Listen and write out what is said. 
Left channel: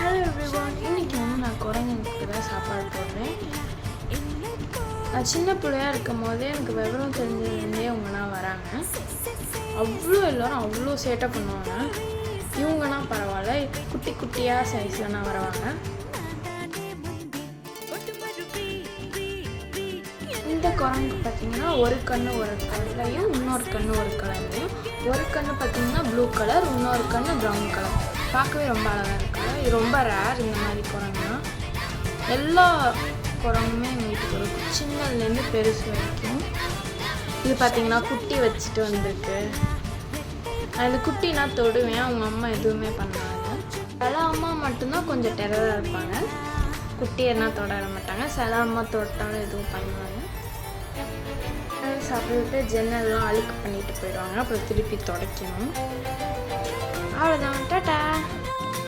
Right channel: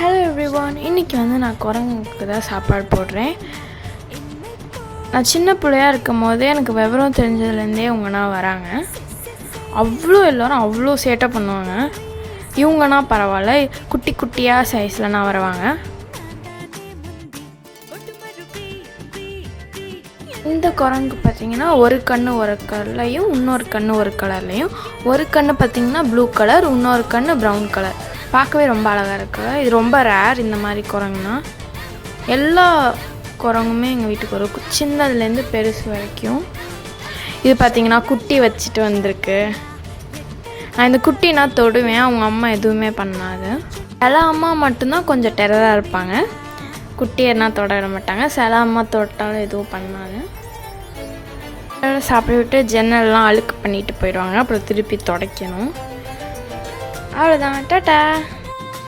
Hello everyone, இன்றைக்கி நான் குரங்குக்கு தான் சாப்பாடு போடுறேன். நான் சின்ன பிள்ளையாக இருக்கும் போதே எனக்கு விவரம் தெரிஞ்சதுலேருந்தே இவங்கனா வராங்க. எல்லோரும் அவ்வளோ சேட்டை பண்ணுவாங்க. இவங்கன்னா பரவாயில்ல, குட்டி குட்டியாக சைஸ்லனா வருவாங்க. இந்த குரங்கு பார்த்திங்கன்னா ஒரு கண்ணு ஒரு கலர்லையும் இன்னொரு கண்ணு ஒரு கலர்லையும், ஒரு கண்ணு பார்த்திங்கன்னா ப்ளூ கலர், இன்னொரு கண்ணு ப்ரௌன் கலர். பார்க்கவே ரொம்ப அழகாக இருக்குது. இது ரொம்ப ரேர் இந்த மாதிரி குரங்குனா. எல்லா குரங்குமே எங்கள் வீட்டுக்கு வரும், சின்னதுலேருந்து பெருசு வரைக்கும். இது பார்த்திங்கன்னா குட்டி வச்சுட்டு வந்திருக்கு. நான் இந்த குட்டி நான் தொடுவேன், அவங்க அம்மா எதுவுமே பண்ணாது. சில அம்மா மட்டும்தான் கொஞ்சம் டெரராக இருப்பாங்க, குட்டியென்னா தொட மாட்டாங்க. சில அம்மா தொட்டாலும் எதுவும் பண்ணாங்க. சாப்பிட விட்டு ஜன்னல்லாம் அழுக்கு பண்ணிட்டு போயிடுவாங்க, அப்புறம் திருப்பி துடைக்கணும். அவ்வளோதான், டாடா.